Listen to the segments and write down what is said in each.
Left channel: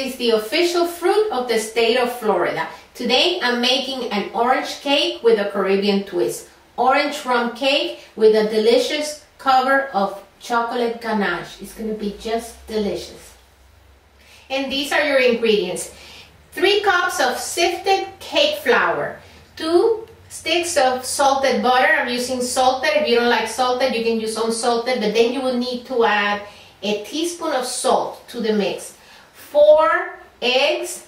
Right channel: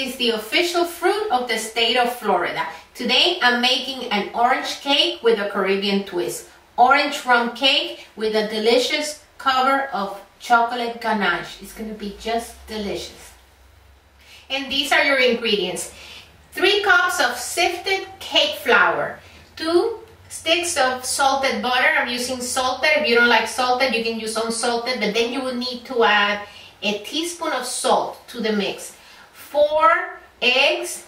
is the official fruit of the state of Florida. Today I'm making an orange cake with a Caribbean twist. Orange rum cake with a delicious cover of chocolate ganache. It's going to be just delicious. And these are your ingredients. 3 cups of sifted cake flour. 2 sticks of salted butter. I'm using salted. If you don't like salted, you can use unsalted, but then you will need to add a teaspoon of salt to the mix. 4 eggs,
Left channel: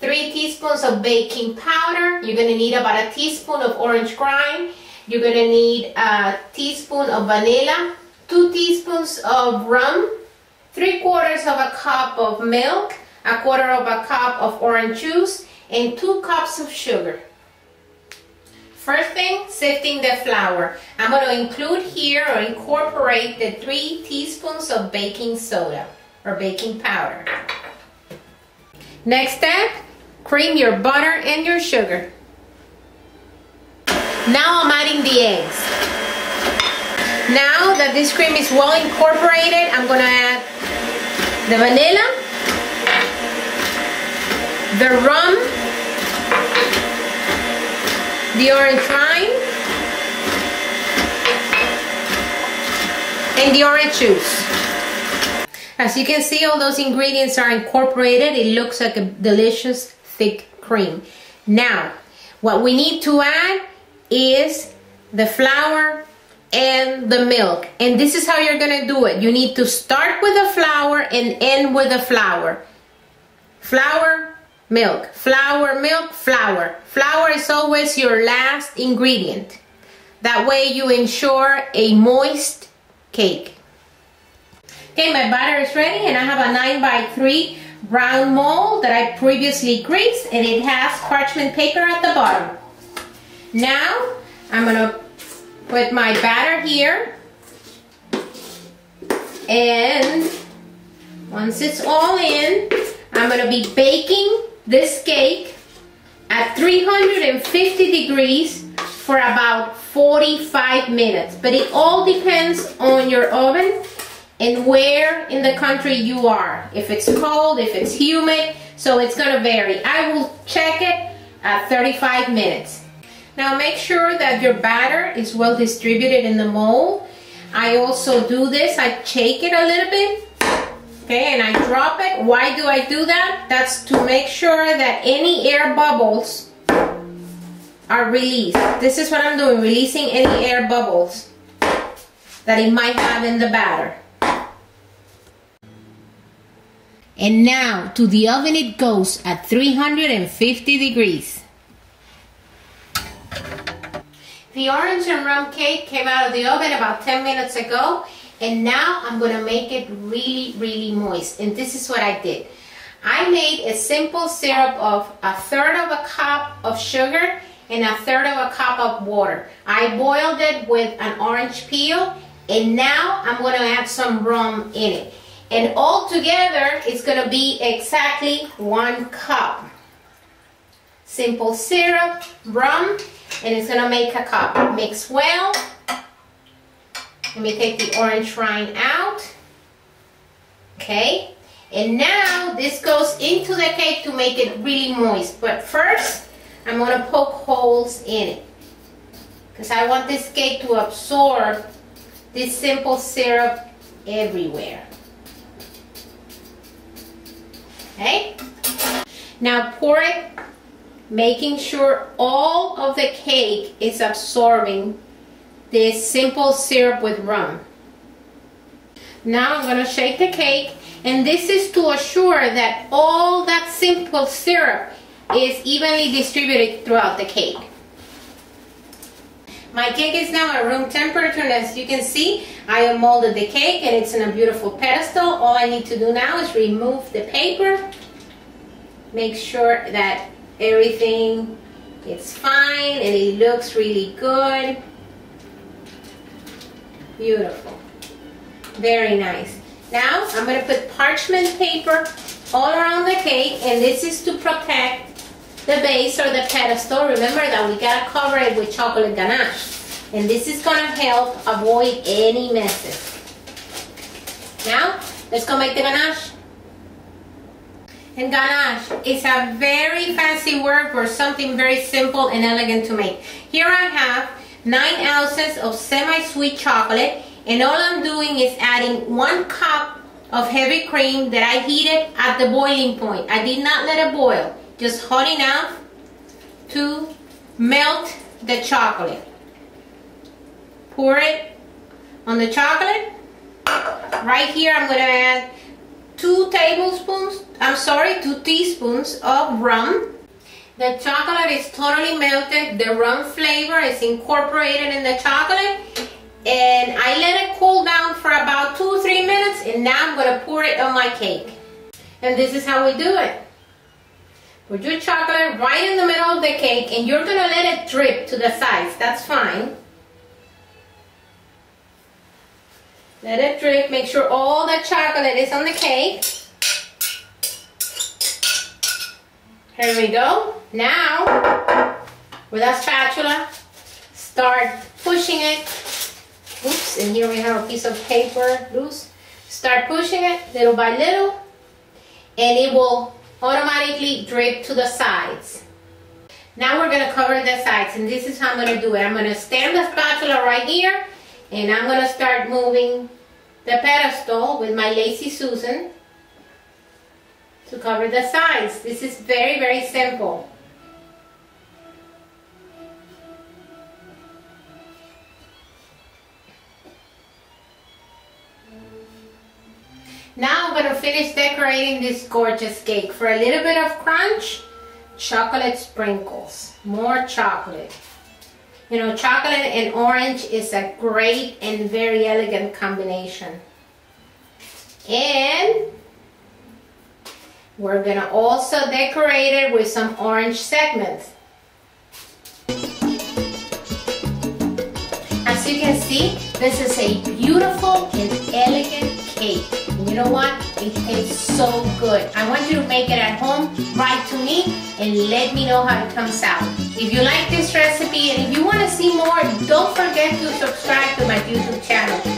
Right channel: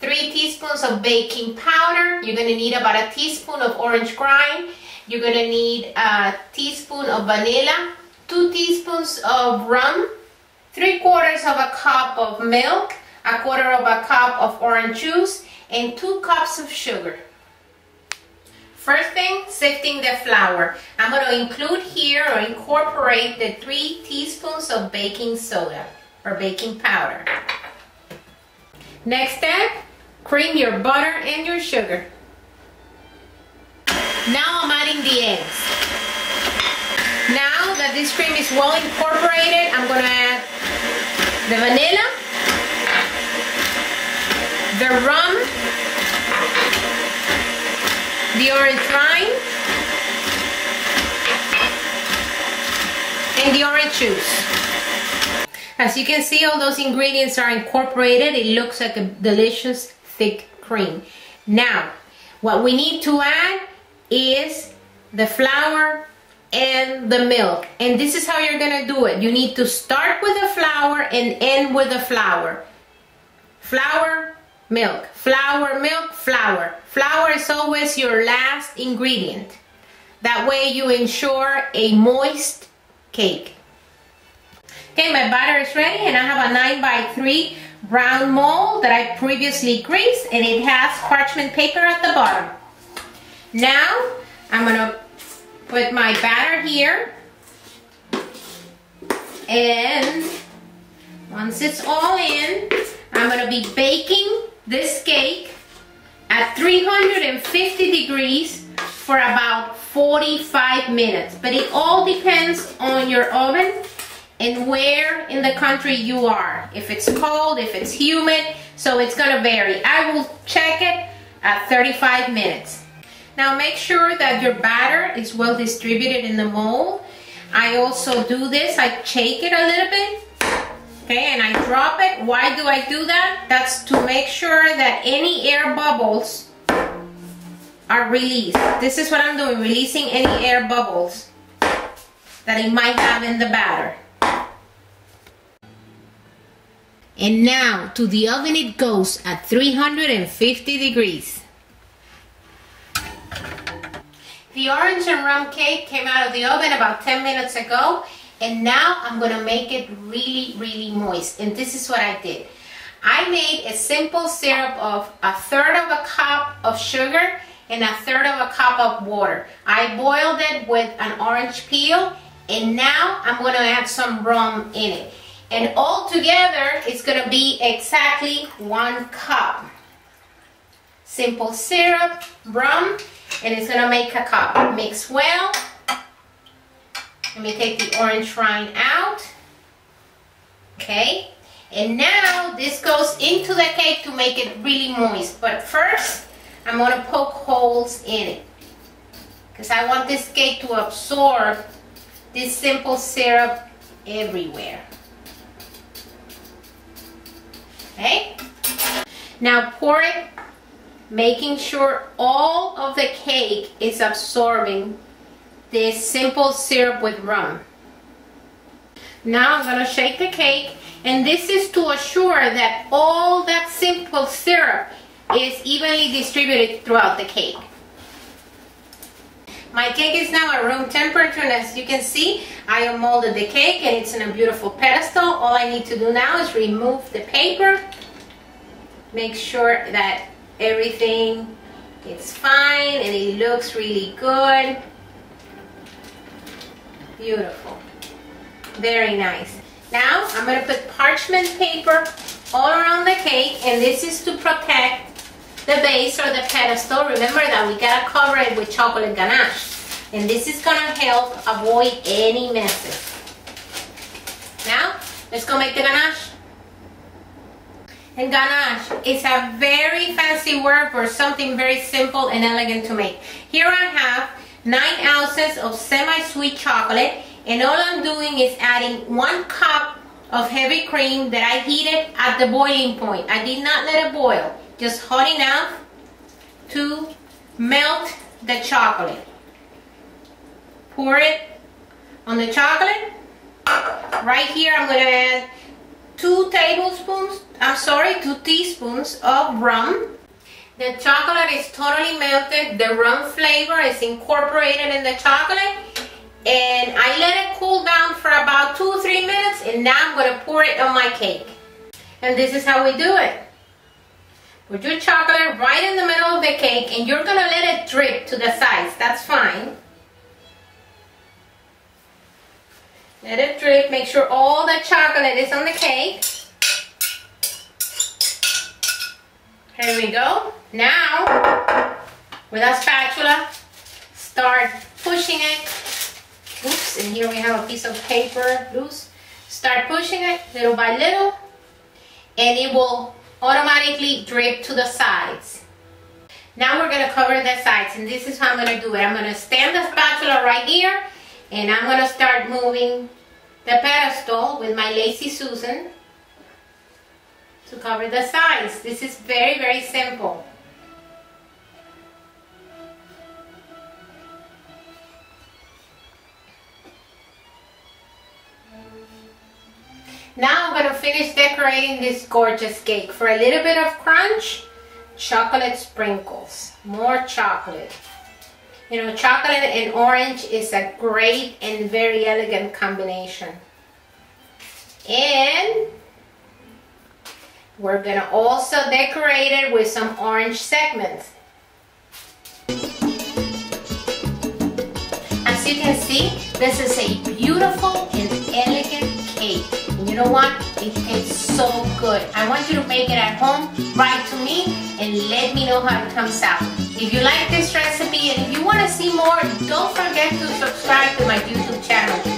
3 teaspoons of baking powder. You're going to need about a teaspoon of orange rind. You're going to need a teaspoon of vanilla, 2 teaspoons of rum, 3/4 of a cup of milk, 1/4 of a cup of orange juice, and 2 cups of sugar. First thing, sifting the flour. I'm going to include here or incorporate the 3 teaspoons of baking soda or baking powder. Next step, cream your butter and your sugar. Now I'm adding the eggs. Now that this cream is well incorporated, I'm going to add the vanilla, the rum, the orange rind, and the orange juice. As you can see, all those ingredients are incorporated. It looks like a delicious thick cream. Now, what we need to add is the flour and the milk. And this is how you're gonna do it. You need to start with the flour and end with the flour. Flour, milk, flour, milk, flour. Flour is always your last ingredient. That way you ensure a moist cake. Okay, my batter is ready and I have a 9x3 round mold that I previously greased, and it has parchment paper at the bottom. Now I'm gonna put my batter here, and once it's all in, I'm gonna be baking this cake at 350 degrees for about 45 minutes. But it all depends on your oven and where in the country you are. If it's cold, if it's humid, so it's gonna vary. I will check it at 35 minutes. Now make sure that your batter is well distributed in the mold. I also do this, I shake it a little bit, okay, and I drop it. Why do I do that? That's to make sure that any air bubbles are released. This is what I'm doing, releasing any air bubbles that it might have in the batter. And now to the oven it goes at 350 degrees. The orange and rum cake came out of the oven about 10 minutes ago, and now I'm gonna make it really moist. And this is what I did. I made a simple syrup of 1/3 of a cup of sugar and 1/3 of a cup of water. I boiled it with an orange peel, and now I'm gonna add some rum in it. And all together, it's gonna be exactly 1 cup. Simple syrup, rum, and it's gonna make a cup. Mix well. Let me take the orange rind out. Okay, and now this goes into the cake to make it really moist. But first, I'm gonna poke holes in it because I want this cake to absorb this simple syrup everywhere. Okay, now pour it, making sure all of the cake is absorbing this simple syrup with rum. Now I'm going to shake the cake, and this is to assure that all that simple syrup is evenly distributed throughout the cake. My cake is now at room temperature, and as you can see, I have molded the cake and it's in a beautiful pedestal. All I need to do now is remove the paper, make sure that everything is fine and it looks really good. Beautiful. Very nice. Now I'm going to put parchment paper all around the cake, and this is to protect the base or the pedestal. Remember that we got to cover it with chocolate ganache, and this is going to help avoid any messes. Now let's go make the ganache. And ganache is a very fancy word for something very simple and elegant to make. Here I have 9 ounces of semi-sweet chocolate, and all I'm doing is adding 1 cup of heavy cream that I heated at the boiling point. I did not let it boil, just hot enough to melt the chocolate. Pour it on the chocolate. Right here I'm going to add 2 teaspoons of rum. The chocolate is totally melted. The rum flavor is incorporated in the chocolate. And I let it cool down for about 2-3 minutes, and now I'm going to pour it on my cake. And this is how we do it. Put your chocolate right in the middle of the cake, and you're going to let it drip to the sides. That's fine. Let it drip. Make sure all the chocolate is on the cake. Here we go. Now, with a spatula, start pushing it. Oops, and here we have a piece of paper loose. Start pushing it little by little, and it will automatically drip to the sides. Now we're going to cover the sides, and this is how I'm going to do it. I'm going to stand the spatula right here, and I'm going to start moving the pedestal with my Lazy Susan to cover the sides. This is very, very simple. Now I'm going to finish decorating this gorgeous cake. For a little bit of crunch, chocolate sprinkles. More chocolate. You know, chocolate and orange is a great and very elegant combination. And we're going to also decorate it with some orange segments. As you can see, this is a beautiful and elegant cake. And you know what? It tastes so good. I want you to make it at home. Write to me and let me know how it comes out. If you like this recipe and if you want to see more, don't forget to subscribe to my YouTube channel.